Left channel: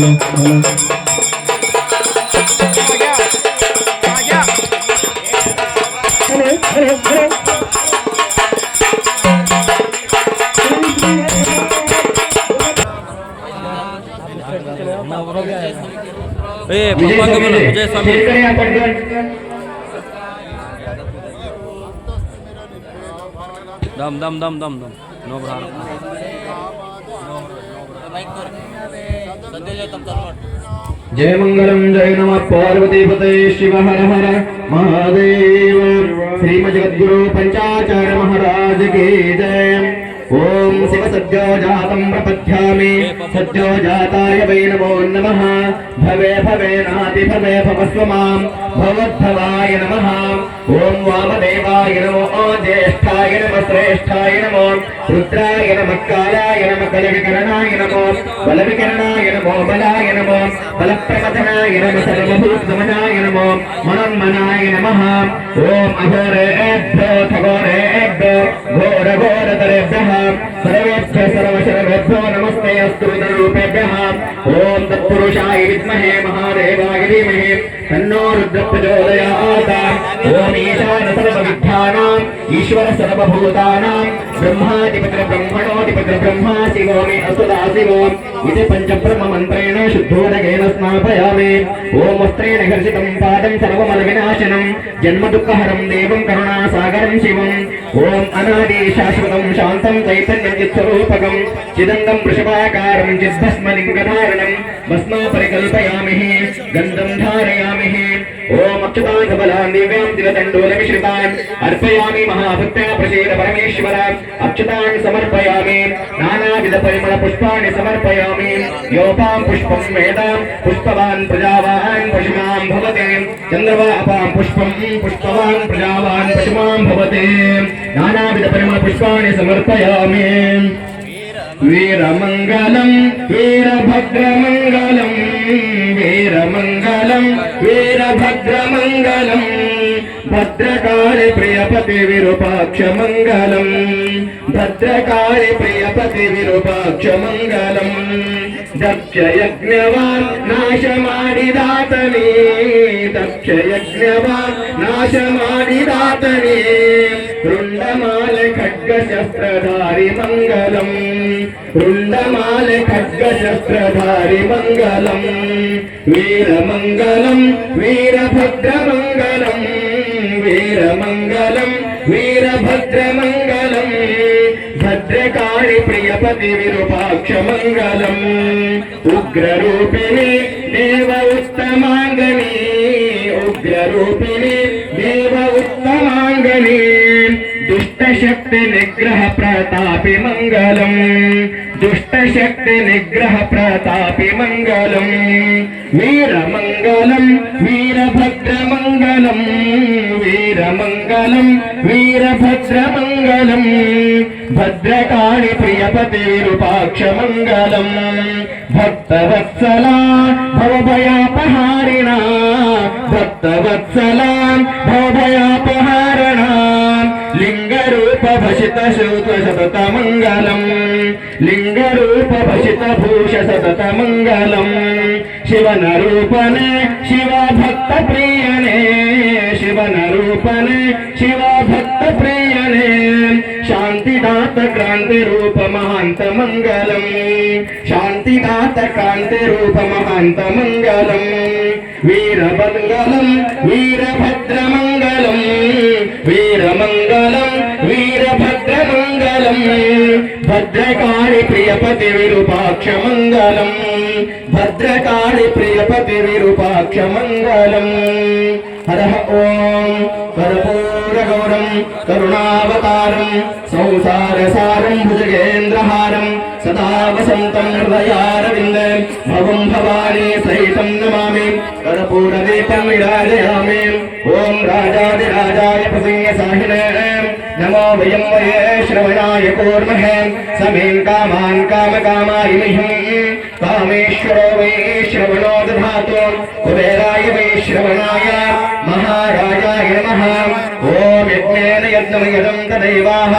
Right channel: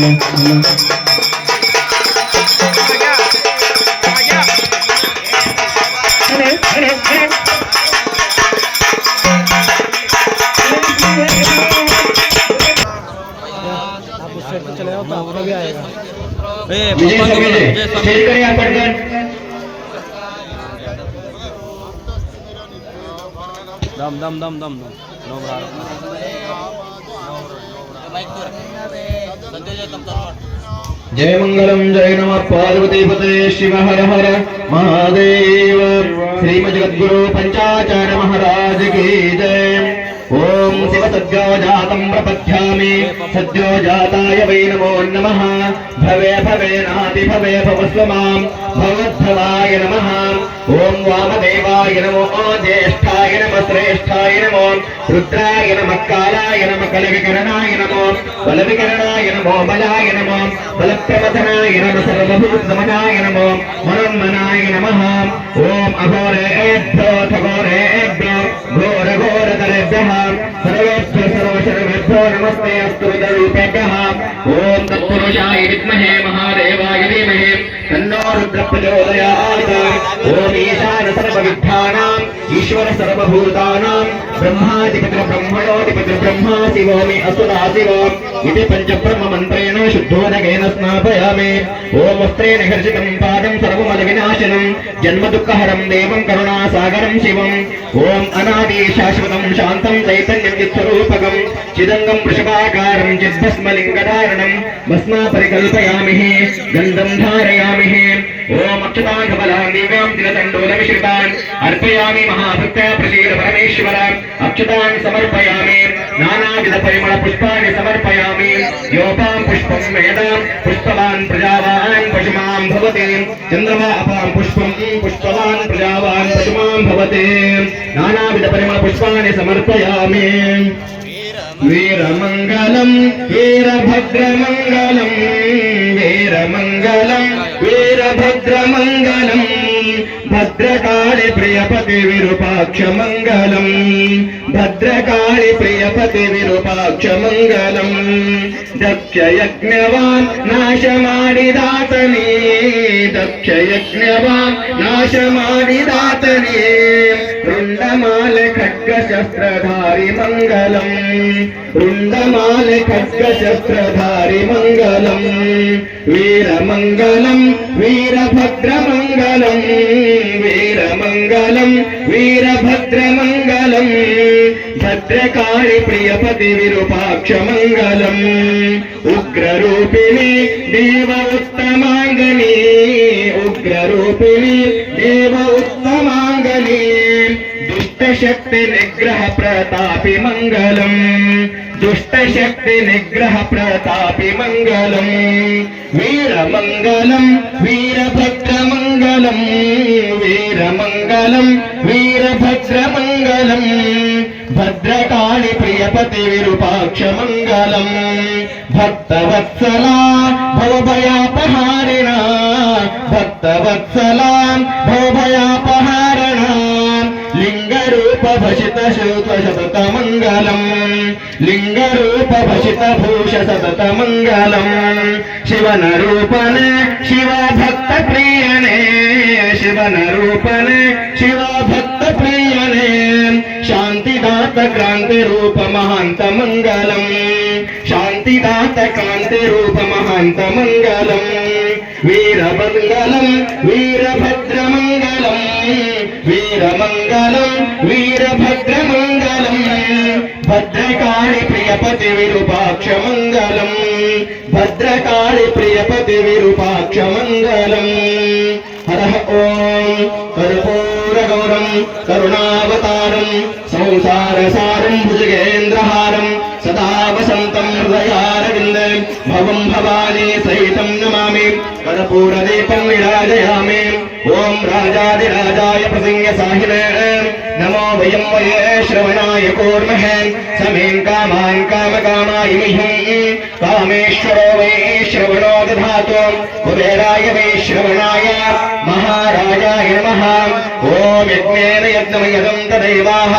दम दम दम दम जय मंगलम जय नमः पार्वतीपते शिव हर हर महादेव श्रीमद् जगद्गुरु पंचाचार्य महाराज की जय। ओम शिव सद्यो जातं प्रपद्यामि सद्यो जाताय वै नमो नमः। भवे भवे नाति भवे भवस्व मां भवद्भवाय नमः। ओम वामदेवाय नमो ज्येष्ठाय नमः श्रेष्ठाय नमो रुद्राय नमः कालाय नमः कलविकरणाय नमो बलविकरणाय नमो बलाय नमो बलप्रवदनाय नमः सर्वभूतनमनाय नमो मनोन्मनाय नमः। ओम अघोरेभ्यो खगोरेभ्यो घोरघोरतरेभ्यः सर्वेभ्यः सर्वशर्वेभ्यो नमस्ते अस्तु विदरूपेभ्यः। ओम तत्पुरुषाय विद्महे महादेवाय धीमहि तन्नो रुद्रः प्रचोदयात्। ओम ईशान सर्वविद्यानाम् ईश्वर सर्वभूतानां ब्रह्माधिपति ब्रह्मणोऽधिपति ब्रह्मा शिवो मे असुरा शिवो इति पंचब्रह्म मन्त्रेण शुद्धोदकेन स्नापयामि। ओम वस्त्रेण हर्षितं पादं सर्वमलविनाशनं जन्मदुःखहरं देवं करुणासागरं शिवम्। ओम अनादि शाश्वतं शान्तं चैतन्यं चित्स्वरूपकं चिदङ्गं वृषभाकारं चिद्भस्मलिङ्गधारणं भस्मा परिकल्पयामि गन्धं धारयामि। ओम अच्युतान् दिव्यां तिलतण्डूलमिश्रितान् अर्पयामि महाभक्त्या प्रसीद परमेश्वर। अच्युतान् समर्पयामि नानाविध परिमल पुष्पाणि समर्पयामि। योपां पुष्पं वेदान् पुष्पवान् प्रजावान् पशुमां भवति चन्द्रवापां पुष्पं पुष्पवान् प्रजावान् पशुमां भवति। नानाविध परिमल पुष्पाणि समर्पयामि। वीरमंगलम वीरभद्रमंगलम वीरमंगलम वीरभद्रमंगलम भद्रकाली प्रियपति विरूपाक्ष मंगलम भद्रकाली प्रियपति विरूपाक्ष मंगलम। दक्ष यज्ञवान् नाशमाडिदातने दक्ष यज्ञवान् नाशमाडिदातने रुंडमाल खड्गशस्त्रधारि मंगलम रुंडमाल खड्गशस्त्रधारि मंगलम। वीरमंगलम वीरभद्रमंगलम वीरमंगलम वीरभद्रमंगलम भद्रकाली प्रियपति विरूपाक्ष मंगलम। उग्ररूपिणी देव उत्तमांगनी उग्ररूपिणी देव उत्तमांगनी दुष्टशक्ति निग्रह प्रतापि मंगलम दुष्टशक्ति निग्रह प्रतापि मंगलम। वीरमंगलम वीरभद्रमंगलम वीरमंगलम वीरभद्रमंगलम भद्रकाली प्रियपति विरूपाक्ष मंगलम। भक्तवत्सला भवभयापहारिणा भक्तवत्सला भवभयापहारिणा लिंगरूप भसित शोक सतत मंगलम लिंगरूप भसित भूष सतत मंगलम। शिवनरूपन शिव भक्त प्रियने शिवनरूपन शिव भक्त प्रियने शांतिदात क्रांति रूप महांत मंगलम शांतिदात क्रांति रूप महांत मंगलम। वीरमंगलम वीरभद्रमंगलम वीरमंगलम वीरभद्रमंगलम भद्रकाली प्रियपति विरूपाक्ष मंगलम भद्रकाली प्रियपति विरूपाक्ष मंगलम। हरः ओम कर्पूरगौरं करुणावतारं संसारसारं भुजगेन्द्रहारं सदा वसन्तं हृदयारविन्दे भवं भवानी सहितं नमामि कर्पूरदीपं निराजयामि। ओम राजाधिराजाय प्रसन्नसाहिने नमो वयं वये श्रवणाय कूर्महे समें कामान् कामकामाय मह्यं कामेश्वरो वै श्रवणो दधातु कुबेराय वै श्रवणाय महाराजाय नमः। ओम यज्ञेन यज्ञमयं तदैवाः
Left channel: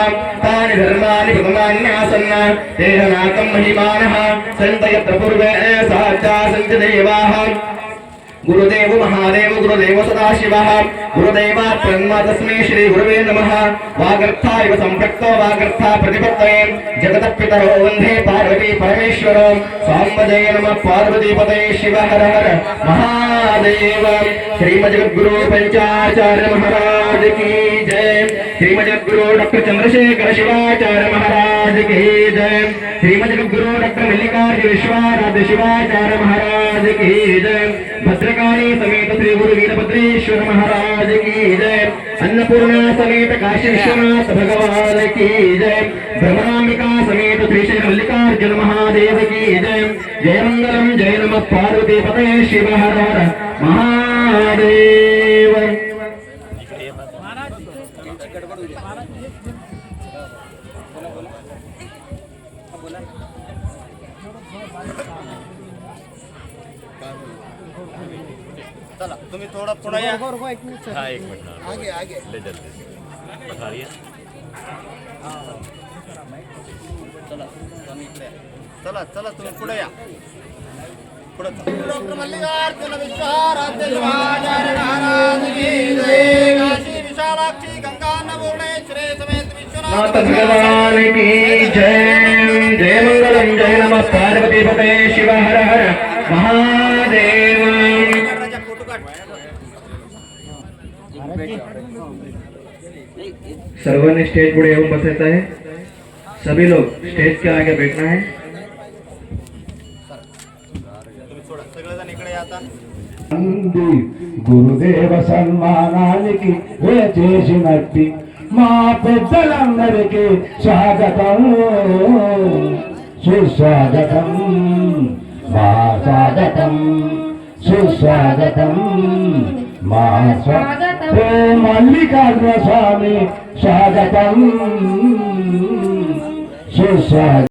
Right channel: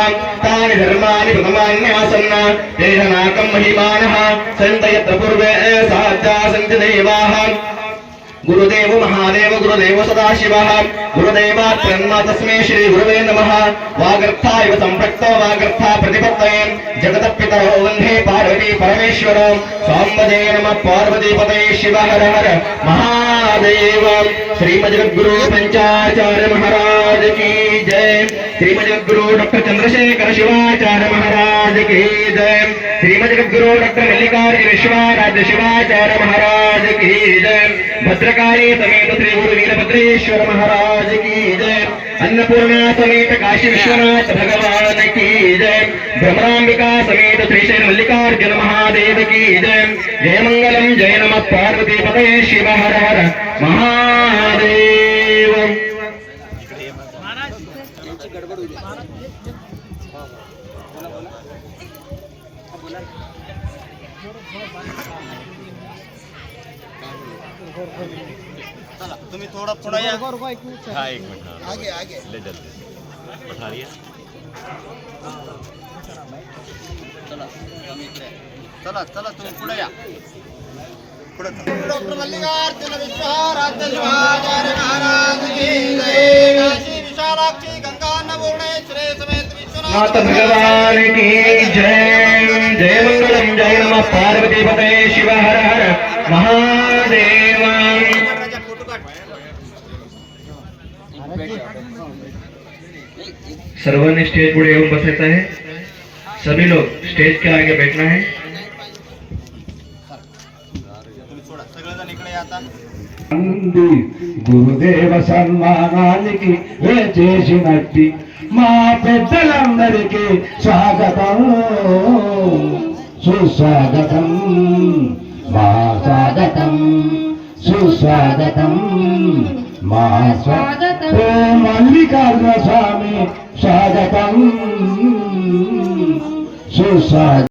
सर्वाणि धर्माणि प्रथमान्यासन्न तेन नाकं महिमानः सन्तयत्र पूर्वे साक्षा सन्ति देवाः गुरुदेव महादेव गुरुदेव सदाशिवः गुरुदेवात् ब्रह्म तस्मै श्री गुरुवे नमः वागर्था इव सम्पृक्तो वागर्था प्रतिपत्तये जगतः पितरो वन्दे पार्वती परमेश्वरो साम्बदे नमः पार्वतीपतये शिव हर हर महादेव श्रीमद्गुरु पंचाचार्य महाराज की जय श्रीमद्गुरु डॉक्टर चंद्रशेखर शिवाचार्य महाराज की जय श्रीमद्गुरु डॉक्टर मल्लिकार्जुन विश्वाराध्य शिवाचार्य महाराज की जय भद्रकाली समेत श्री गुरु वीरभद्रेश्वर महाराज की जय अन्नपूर्णा समेत काशी विश्वनाथ भगवान की जय भ्रमरांबिका समेत श्री श्री मल्लिकार्जुन महादेव की जय जय मंगलम जय नमः पार्वती पतये शिव हर हर महादेव। चला तुम्ही थोड़ा या हाँ एक मिनट हाँ आगे आगे ले जल्दी बता रही है चला चला चला तुम्ही पुढे या पुढे डॉक्टर मल्लिकार्जुन विश्वाराध्य शिवाचार्य महाराज की जय काशी विशालाक्षी गंगा अन्नपूर्णेश्वरी समेत नाथ विश्वनाथ भगवान की जय जय मंगलम जय नमः पार्वती पतये शिव हर हर महादेव। फोटो काढ सर्वांनी स्टेज पुढे येऊन बसायचं आहे। सभी लोग स्टेज के आगे बैठना है। सगळेजण इकडे या आता గురుదేవ సన్మానానికి చేసినట్టి మా పెద్దలందరికీ స్వాగతం సుస్వాగతం మా స్వాగతం సుస్వాగతం మా స్వాగతం మల్లికార్జున స్వామి స్వాగతం సుస్వాగతం।